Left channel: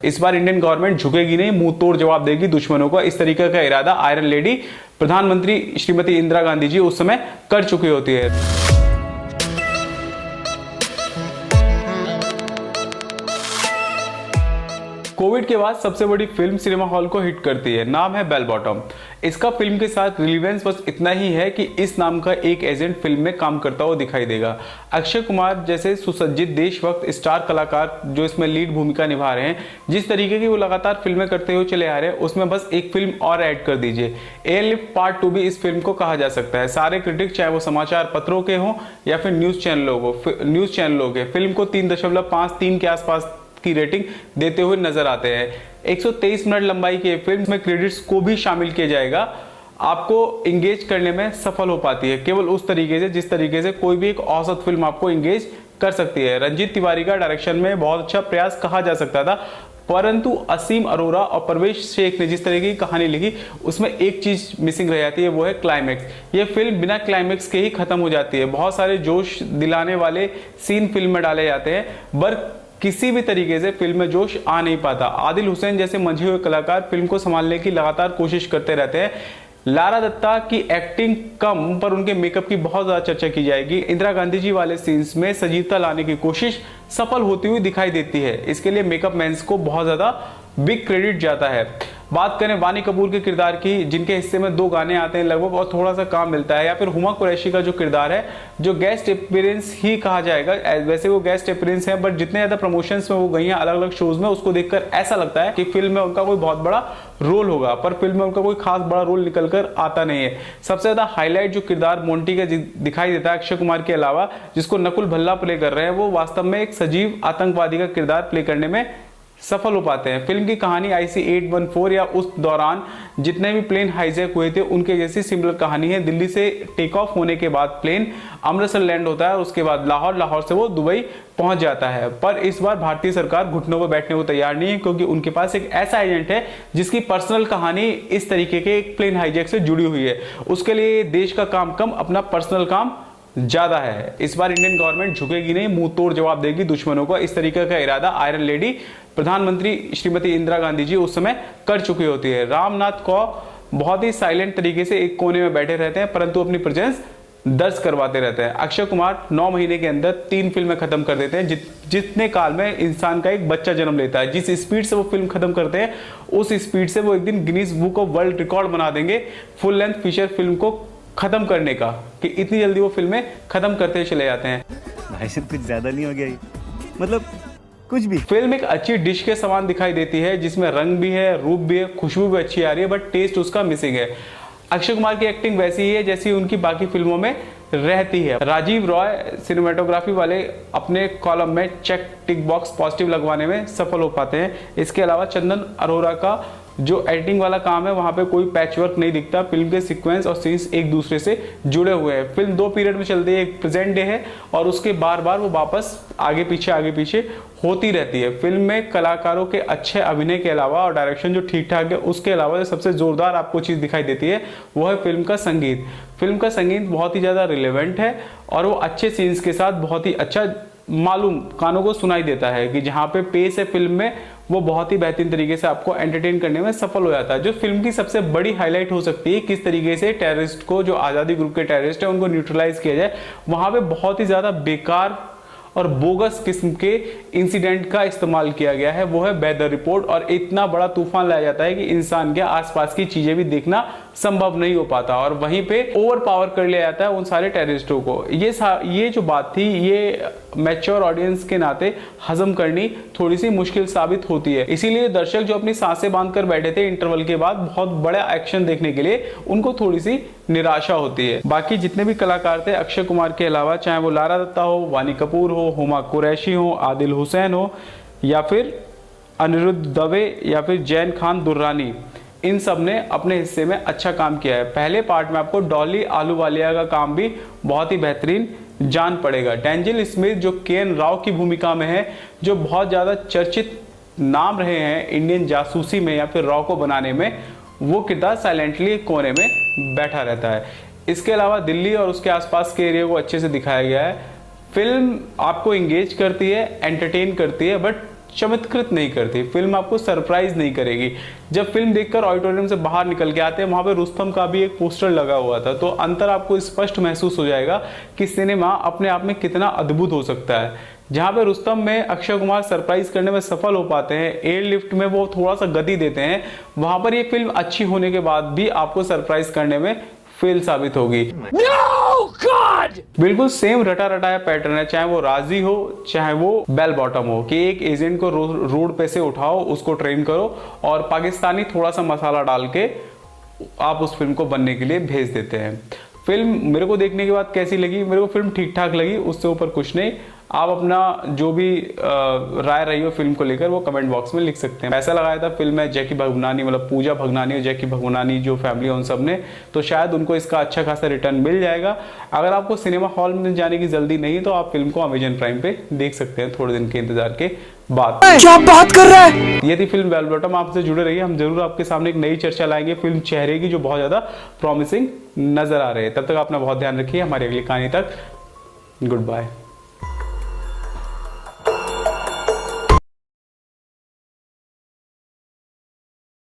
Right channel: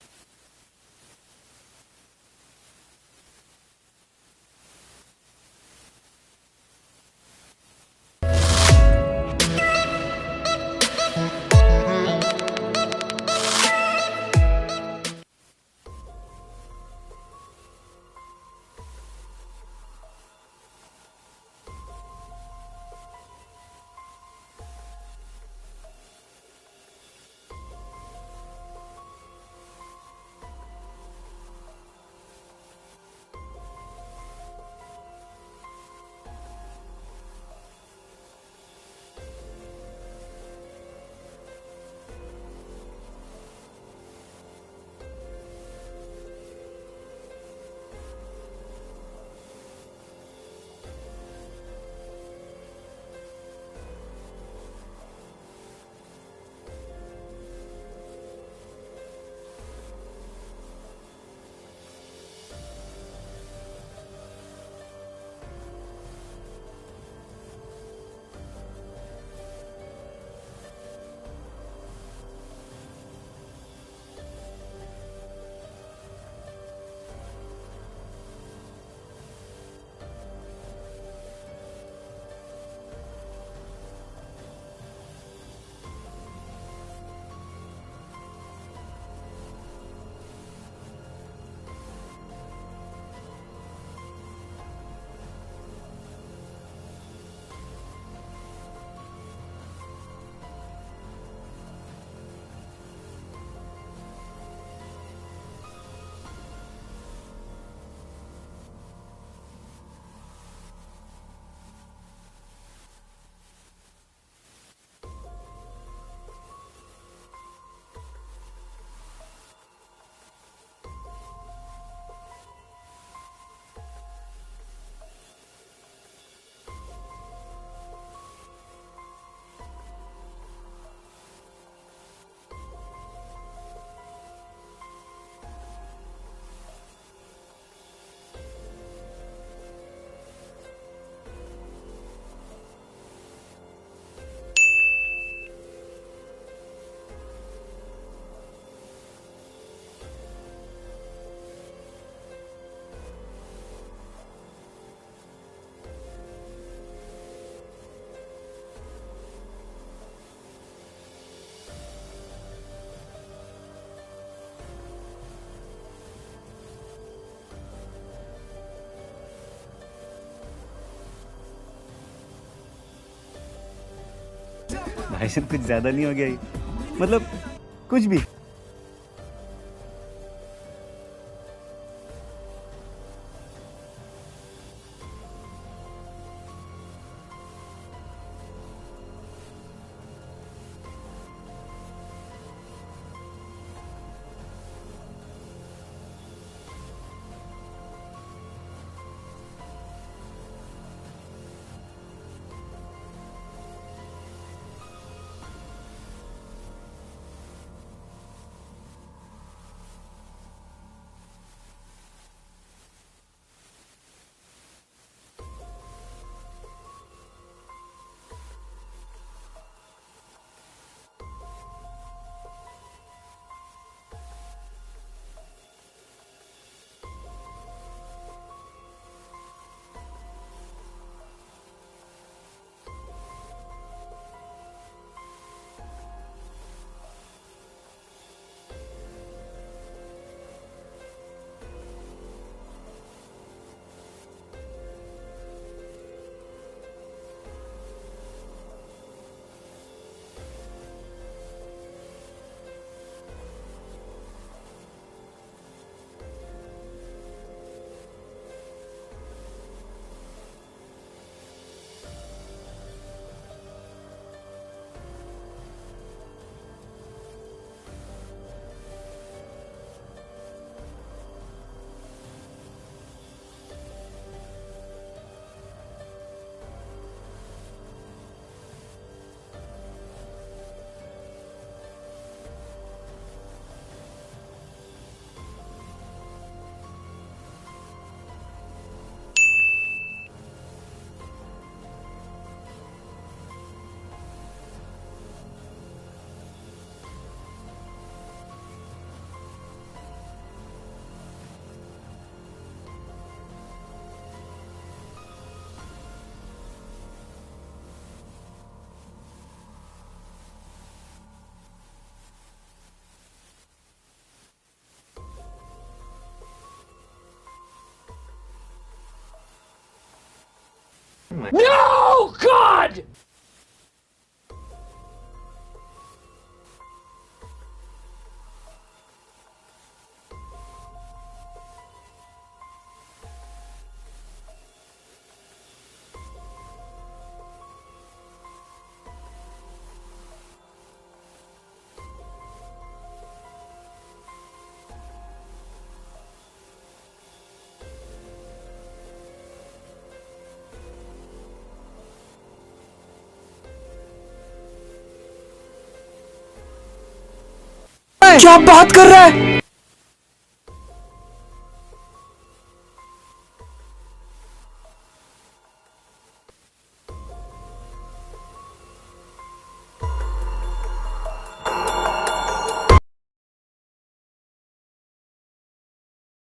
इस बार Indian government झुकेगी नहीं, मुंह तोड़ जवाब देगी दुश्मनों को। इस तरीके का इरादा आयरन लेडी प्रधानमंत्री श्रीमती इंदिरा गांधी जी उस समय कर चुकी होती है। कोविड के बाद सबसे बड़ी फिल्म सिनेमा हॉल को हिट करती है, नाम है बेल बॉटम। इसका फिल्म के साथ रिलेवेंस बस इतना ही है कि इस नाम का एक एजेंट फिल्म में काम करता हुआ दिखाई देगा। अक्षय कुमार जैसे सुसज्जित देशभक्त स्टार कलाकार जो इसमें लीड भूमिका निभा रहे हैं, जिस तरीके की वो लगातार फिल्में करते हुए चले आ रहे हैं, उसमें बस एक फिल्म और ऐड कर दीजिए। एयरलिफ्ट पार्ट 2 भी इस फिल्म को कहा जा सकता है। सारे क्रिटिक, चाहे वो समाचार पत्रों के हों या फिर न्यूज चैनलों के, फिल्म को 3.53 के आसपास की रेटिंग देते हुए नजर आते हैं। 123 मिनट लंबाई की फिल्म में क्रेडिट्स को भी शामिल किया जाएगा। आपको इंगेज करने में सफल हो पाती है केवल उस तरीके से जिस तरीके से कोई भी एक औसत फिल्म आपको इंगेज कर सकती है। रंजीत तिवारी का डायरेक्शन में बहुत अच्छा प्रयास कहा जा सकता था, परंतु असीम अरोरा और परवेश शेख ने जिस तरह की कहानी लिखी उसमें एक चीज मिसिंग रह जाती है, वो है क्लाइमेक्स। ये फिल्म बिना क्लाइमेक्स के ही खत्म हो जाती है। बहुत सारे जोश दिलाने वाले सीन फिल्म में डाले जाते हैं, पर किसी भी तरीके से फिल्म में जोश आ नहीं पाता। आदिल हुसैन जैसे मंझे हुए कलाकार फिल्म को संभालने की लगातार कोशिश करते रहते हैं। लारा दत्ता की एक्टिंग कम, पर उनके मेकअप की बहुत ज्यादा चर्चा की जाएगी। इंदिरा गांधी जी वाले सीन्स में सजीवता लाने की कोशिश सफल होती हुई दिखाई देती है। इसके लिए मेकअप मैन्स को बहुत ज्यादा बिग क्रेडिट जाता है। बात करें वानी कपूर के किरदार की, जिनके हिस्से में 2 गाने आते हैं लगभग और थोड़ा सा काम मिलता है, या फिर हुमा कुरैशी का जो किरदार है, जो गेस्ट अपीयरेंस ही कहा जाएगा। वैसे वो गेस्ट अपीयरेंस है, बट जितने ज्यादा प्रमोशंस में वो गई हैं अलग अलग शोज में, उसको देखकर ऐसा लगता है कि फिल्म में उनका कोई बहुत बड़ा रोल होगा, पर फिल्म में उनका कोई खास बड़ा रोल निकल कर आता नहीं है। सबसे ज्यादा हाईलाइट जो किरदार मोंटी का दिखाई देता है अक्षय कुमार के अलावा, जिसको नकुल भल्ला प्ले कर रहे हैं, वो वास्तव में एक सजीव आतंकवादी का किरदार प्ले करने में सफल हो पाते हैं। फिल्म की कहानी IC-814 या उस दौरान जितने भी प्लेन हाईजैक हुए थे उनके जैसी सिमिलर कहानी है। दिल्ली से टेक ऑफ होने के बाद प्लेन अमृतसर लैंड होता है, उसके बाद लाहौर से वो दुबई पहुंच जाता है। पर इस बार भारतीय सरकार घुटनों पर बैठने को तैयार नहीं है, क्योंकि उनके पास एक ऐसा एजेंट है जिसकी पर्सनल कहानी इस तरीके के एक प्लेन हाईजैक से जुड़ी हुई है। उसके लिए देश का काम कम, अपना पर्सनल काम ज्यादा है। इस बार इंडियन गवर्नमेंट झुकेगी नहीं, मुंह तोड़ जवाब देगी दुश्मनों को। इस तरीके का इरादा आयरन लेडी प्रधानमंत्री श्रीमती इंदिरा गांधी जी उस समय कर चुकी होती है। रामनाथ को बहुत ही साइलेंट तरीके से एक कोने में बैठे रहते हैं, परंतु अपनी प्रेजेंस दर्ज करवाते रहते हैं। अक्षय कुमार 9 महीने के अंदर 3 फिल्में खत्म कर देते हैं, जितने काल में इंसान का एक बच्चा जन्म लेता है। जिस स्पीड से वो फिल्म खत्म करते हैं, उस स्पीड से वो एक दिन Guinness book of world record बना देंगे फुल लेंथ फीचर फिल्म को खत्म करने का, कि इतनी जल्दी वो फिल्में खत्म करते चले जाते हैं। भाई साहब कुछ ज्यादा नहीं हो गया ये? मतलब कुछ भी। फिल्म एक अच्छी डिश के समान दिखाई देती है, जिसमें रंग भी है, रूप भी है, खुशबू भी अच्छी आ रही है, बट टेस्ट उसका मिसिंग है। अक्षय कुमार की एक्टिंग वैसी ही है जैसी उनकी बाकी फिल्मों में रहती है। राजीव रॉय सिनेमेटोग्राफी वाले अपने कॉलम में चेक टिक बॉक्स पॉजिटिव लगवाने में सफल हो पाते हैं। इसके अलावा चंदन अरोरा का जो एडिटिंग वाला काम है, वहां पे कोई पैच वर्क नहीं दिखता। फिल्म के सीक्वेंस और सीन्स एक दूसरे से जुड़े हुए हैं। फिल्म 2 पीरियड में चलती है, एक प्रेजेंट डे है और उसके बार बार वो वापस आगे पीछे होती रहती है। फिल्म में कलाकारों के अच्छे अभिनय के अलावा और डायरेक्शन जो ठीक ठाक है, उसके अलावा जो सबसे जोरदार आपको चीज दिखाई देती है वो है फिल्म का संगीत। फिल्म का संगीत बहुत ही ज्यादा रिलेवेंट है और वो अच्छे सीन्स के साथ बहुत ही अच्छा मालूम कानों को सुनाई देता है, कि जहाँ पे पेस है फिल्म में वो बहुत ही बेहतरीन तरीके से आपको एंटरटेन करने में सफल हो जाता है। जो फिल्म की सबसे बड़ी हाईलाइट हो सकती है, किस तरीके से टेररिस्ट को, जो आज़ादी ग्रुप के टेररिस्ट है, उनको न्यूट्रलाइज किया जाए। वहां पे बहुत ही ज्यादा बेकार और बोगस किस्म के इंसिडेंट का इस्तेमाल किया गया है, वो है वेदर रिपोर्ट। और इतना बड़ा तूफान लाया जाता है कि इंसान के आसपास की चीजें भी देखना संभव नहीं हो पाता, और वहीं पे ओवर पावर कर लिया जाता है उन सारे टेररिस्टों को। ये जो बात थी, ये मैच्योर ऑडियंस के नाते हजम करनी थोड़ी सी मुश्किल साबित होती है। इसीलिए दर्शक जो अपनी सांसें बांध कर बैठे थे इंटरवल के बाद बहुत बड़ा एक्शन देखने के लिए, उनको थोड़ी सी निराशा होती है। बाकी जितने भी कलाकार थे अक्षय कुमार के अलावा, चाहे वो लारा दत्ता हो, वानी कपूर हो, हुमा कुरैशी हो, आदिल हुसैन हो, या फिर अनिरुद्ध दवे, या फिर जैन खान दुर्रानी, इन सब ने अपने हिस्से में अच्छा काम किया है। पहले पार्ट में आपको डॉली आलूवालिया का काम भी बहुत ही बेहतरीन जान पड़ेगा। डेंजल स्मिथ जो केएन राव की भूमिका में है, जो बहुत ज्यादा चर्चित नाम रहे हैं इंडियन जासूसी में या फिर रॉ को बनाने में, वो किरदार साइलेंटली कोने में बैठा रहता है। इसके अलावा दिल्ली और उसके आसपास के एरिया को अच्छे से दिखाया गया है। फिल्म आपको इंगेज करती है, एंटरटेन करती है, बट चमत्कृत नहीं करती, फिल्म आपको सरप्राइज नहीं करेगी। जब फिल्म देखकर ऑडिटोरियम से बाहर निकल के आते हैं, वहां पे रुस्तम का भी एक पोस्टर लगा हुआ था, तो अंतर आपको स्पष्ट महसूस हो जाएगा कि सिनेमा अपने आप में कितना अद्भुत हो सकता है। जहां पे रुस्तम में अक्षय कुमार सरप्राइज करने में सफल हो पाते हैं, एयरलिफ्ट में वो थोड़ा सा गति देते हैं, वहां पर ये फिल्म अच्छी होने के बाद भी आपको सरप्राइज करने में फेल साबित होगी। No God! बिल्कुल सेम रटा रटाया पैटर्न है, चाहे वो राजी हो चाहे वो बेल बॉटम हो, कि एक एजेंट को रोड पे से उठाओ, उसको ट्रेन करो और पाकिस्तानी थोड़ा सा मसाला डाल के आप उस फिल्म को बनने के लिए भेज देते हैं। फिल्म मेरे को देखने के बाद कैसी लगी? मेरे को फिल्म ठीक ठाक लगी, उससे ऊपर कुछ नहीं। आप अपना जो भी राय रही हो फिल्म को लेकर वो कमेंट बॉक्स में लिख सकते हैं। पैसा लगाया था फिल्म में जैकी भगनानी, मतलब पूजा भगनानी और जैकी भगनानी जो फैमिली है उन सब ने, तो शायद उनको इसका अच्छा खासा रिटर्न मिल जाएगा। अगर आपको सिनेमा हॉल में जाने की जल्दी नहीं तो आप फिल्म को अमेजन प्राइम पे देख सकते हैं थोड़े दिन के इंतजार के बाद। क्या बात कर रहा है? ये थी फिल्म बेल बॉटम। आपसे जुड़े रहिए, हम जरूर आपके सामने एक नई चर्चा लाएंगे फिल्म चेहरे की, जो बहुत ज्यादा प्रॉमिसिंग नजर आ रहे हैं। तब तक अपना बहुत ध्यान रखिए, हमारी अगली कहानी तक गुड बाय।